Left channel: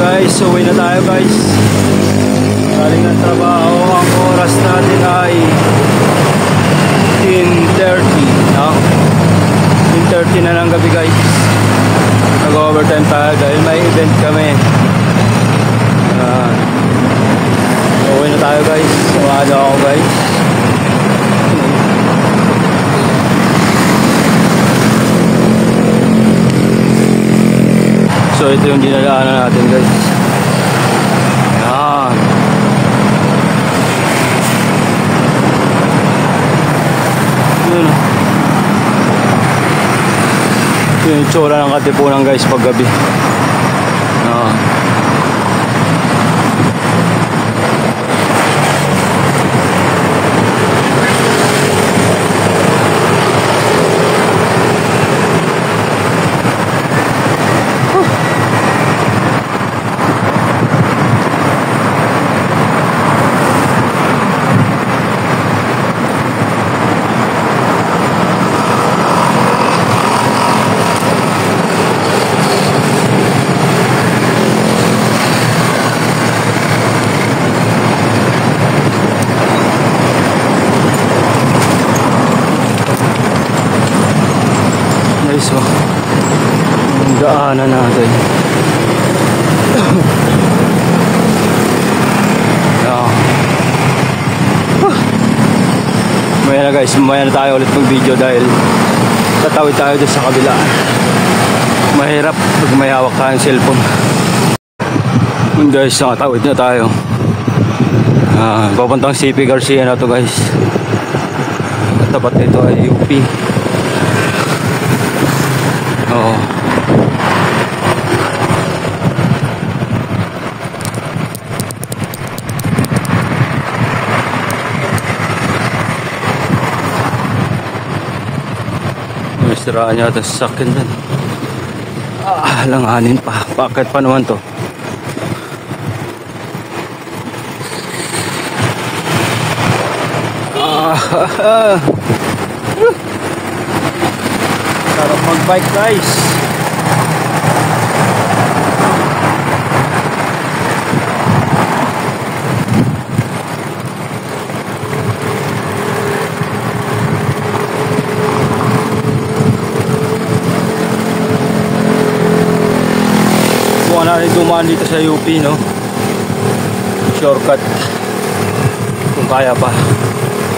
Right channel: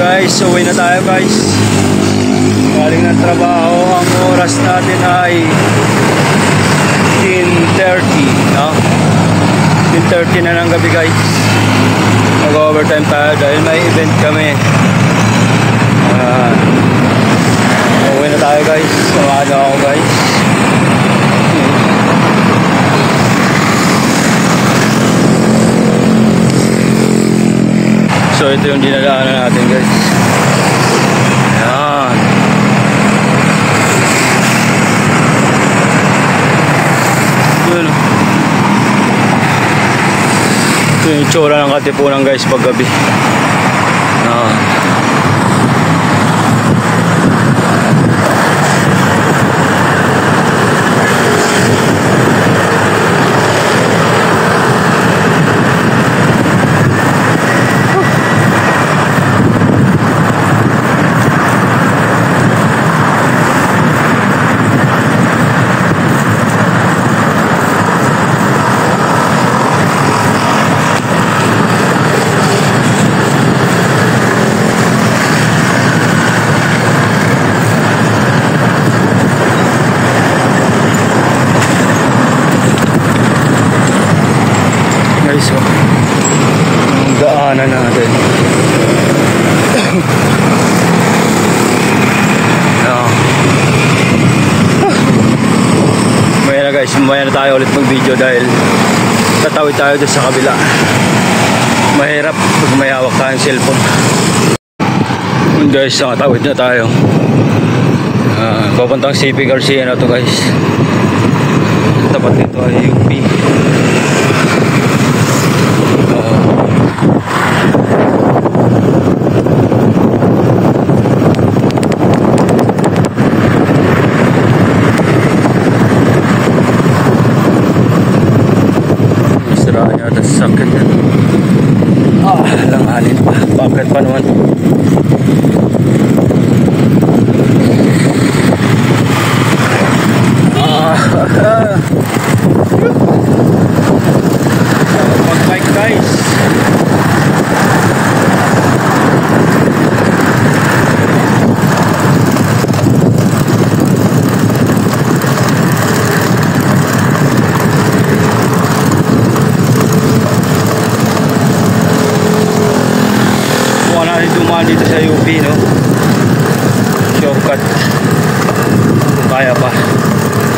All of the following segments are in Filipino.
Guys, uwi na tayo guys. Galing ng trabaho. Ang oras natin ay 10:30, no? 10:30 na ng gabi guys. Nag-overtime tayo dahil may event kami. Uwi na tayo guys. Samahan ako guys. So ito yung dinadaanan natin guys. Ayan. Yun. Ito yung itsura ng Katipunan guys pag gabi. Ayan. Yung daanan natin. Maya na guys, maya na tayo ulit mag video dahil tatawid tayo dyan sa kabila. Mahirap pag may hawak tayong cellphone. Guys, nakatawid na tayo. Papuntang CP Garcia na to guys. Tapat nito ay UP. Oo. May siraan niya ata sa sakit yan. Langanin pa. Bakit pa naman to? Sarap mag-bike guys. Buwan na rin dumaan dito sa UP, no? Shortcut kung kaya pa.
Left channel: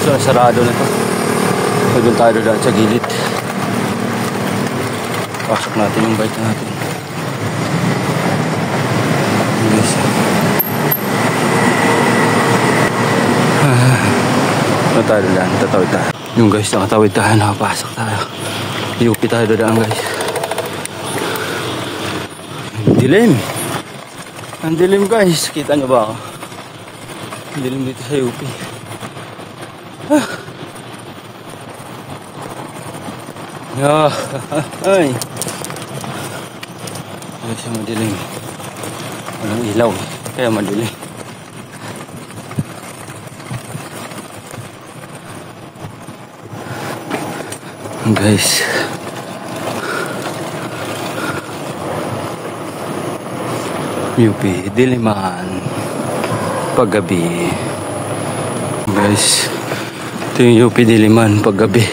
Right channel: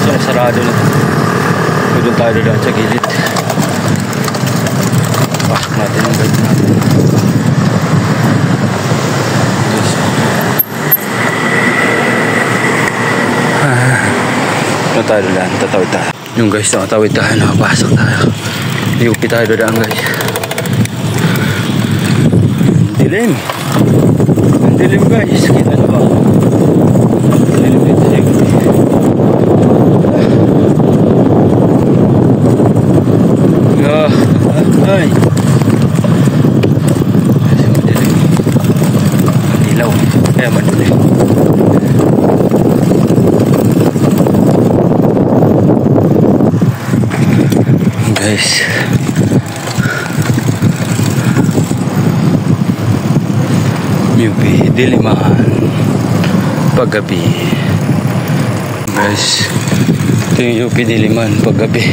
So sarado na ito. Doon tayo doon sa gilid. Pasok natin yung bike natin. Yes. Doon tayo doon. Tatawid tayo. Yung guys, nakatawid tayo. Nakapasok tayo. UP tayo doon guys. Dilim. Ang dilim guys. Kita nyo ba ako? Dilim dito sa UP. Ay. Kasi madilim. Ang ilaw. Kaya madilim. Guys. UP Diliman. Paggabi. Guys. Ito yung UP Diliman paggabi.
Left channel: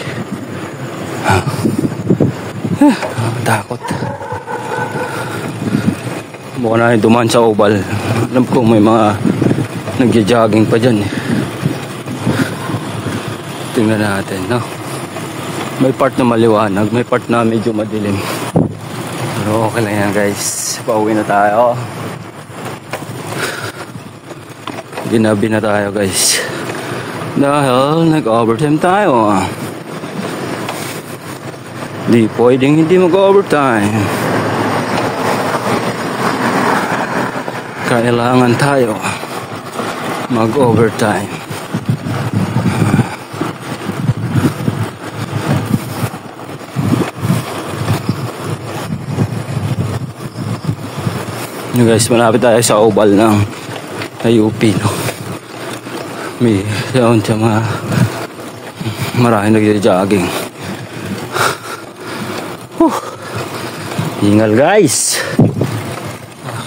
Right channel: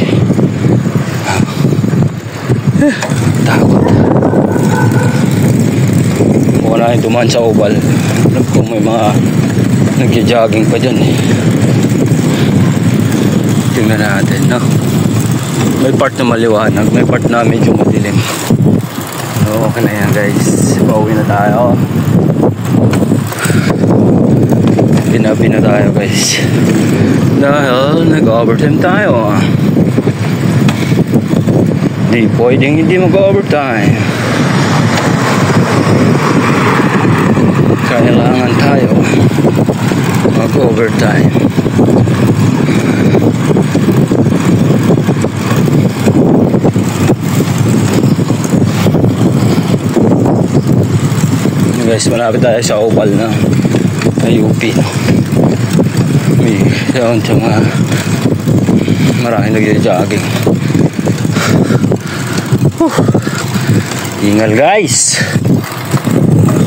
Takot. Mukha na yung dumaan sa oval. Alam ko may mga nagja-jogging pa dyan eh. Tingnan natin, no? May part na maliwanag, may part na medyo madilim. Pero okay na yan guys. Pauwi na tayo. Binabi na tayo guys. Dahil nag-overtime tayo. Di pwedeng hindi mag-overtime. Kailangan tayo mag-overtime. Guys, malapit tayo sa oval ng UP, no? May doon sa mga maraming nagja-jogging. Hingal guys.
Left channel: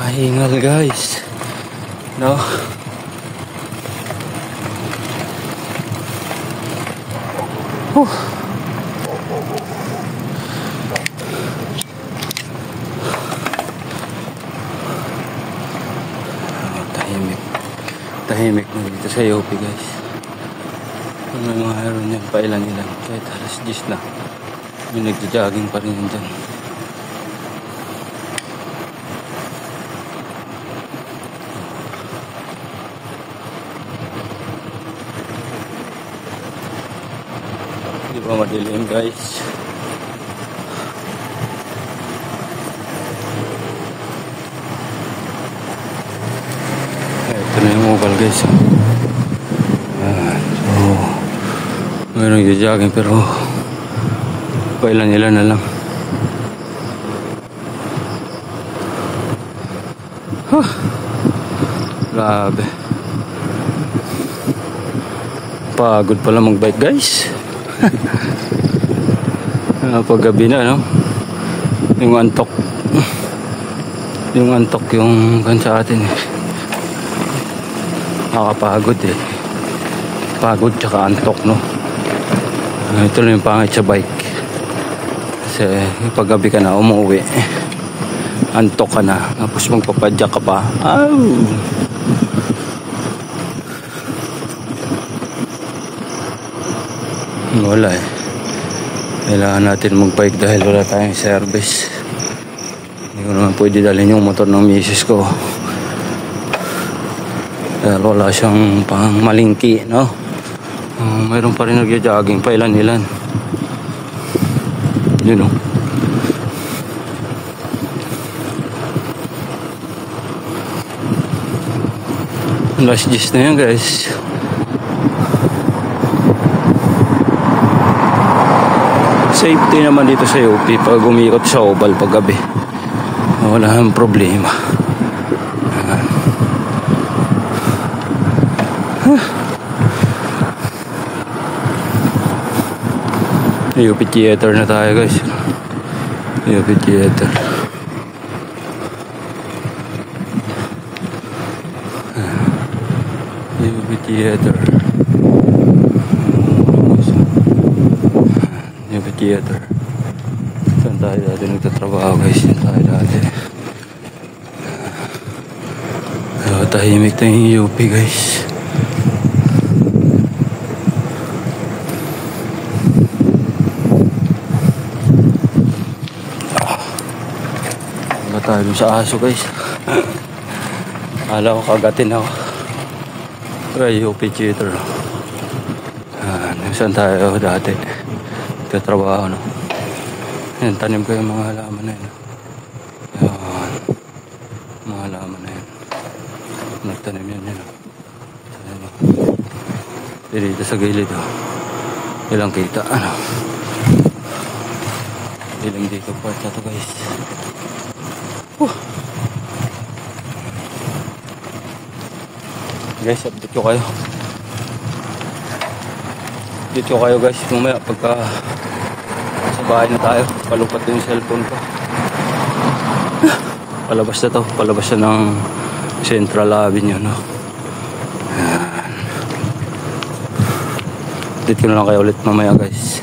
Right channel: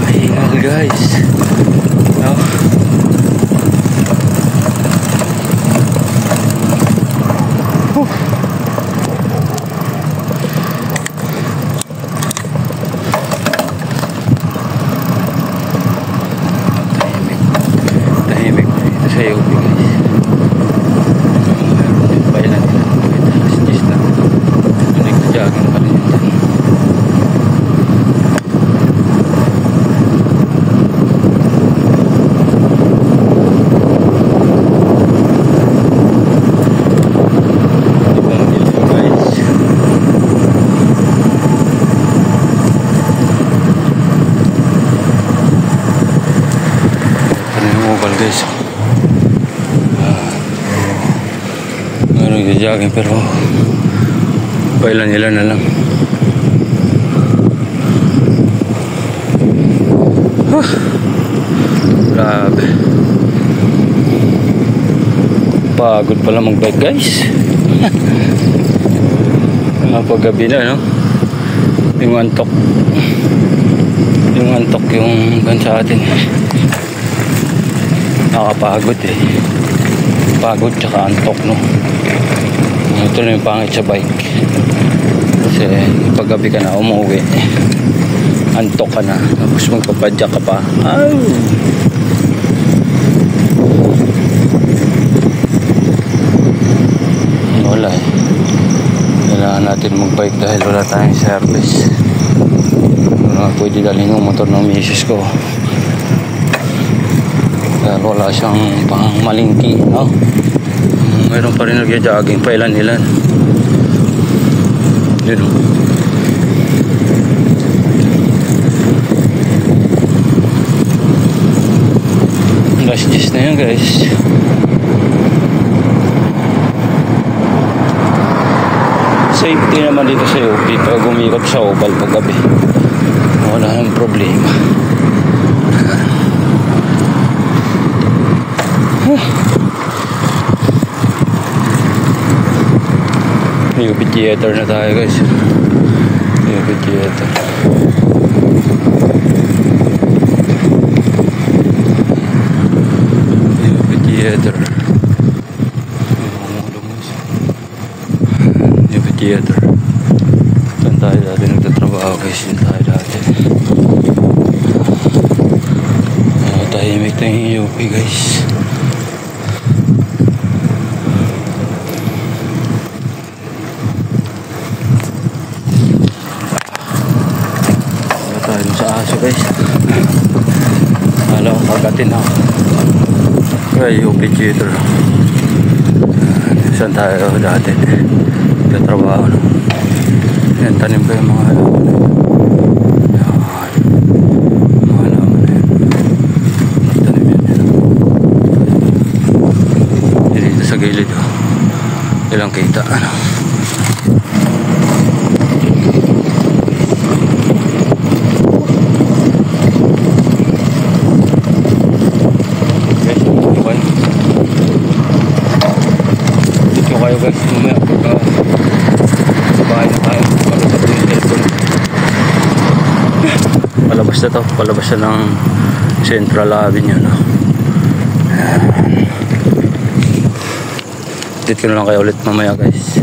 Hingal guys. No? Tahimik ito sa UP guys. Mayroon yung pailan nila. Kahit alas 10 lang. Nagja-jogging pa rin yun dyan. Hindi pa madilim guys. Oval guys. Meron nagja-jogging pero pailan-ilan na lang. Grabe. Pagod pala mag-bike guys. Paggabi na no. Yung antok yung gan sa atin nakakapagod eh. Pagod tsaka antok no. Ito lang yung pangit sa bike. Kasi paggabi ka na umuwi, antok ka na, tapos magpapadyak ka pa. Wala eh. Kailangan natin mag-bike dahil wala tayong service. Hindi naman pwede dalhin yung motor ng misis ko. Pero wala siyang pang malingki, no? Mayroon pa rin nagja-jogging, pailan-ilan. Yun, no? Last 10 na yun, guys. Safety naman dito sa UP pag umikot sa oval paggabi. Wala nang problema. UP Theater na tayo guys. UP Theater. UP Theater. UP Theater. Saan tayo dati nagtatrabaho guys? Saan tayo dati? Tahimik na yung UP guys. Tayo sa aso guys. Hala ko kagatin ako. Kaya UP Theater. Saan tayo dati nagtatrabaho no? Yan, tanim ko yung mga halaman na yun. Yan, mga halaman na yun. Nagtanim yan yun. Dito sa gilid oh. Ilang kita ano. Dito kayo guys, mamaya pagka sa bahay na tayo, palubat din yung cellphone. Palabas na to, palabas na ng Central Avenue no? Dito ko na lang kayo ulit mamaya guys.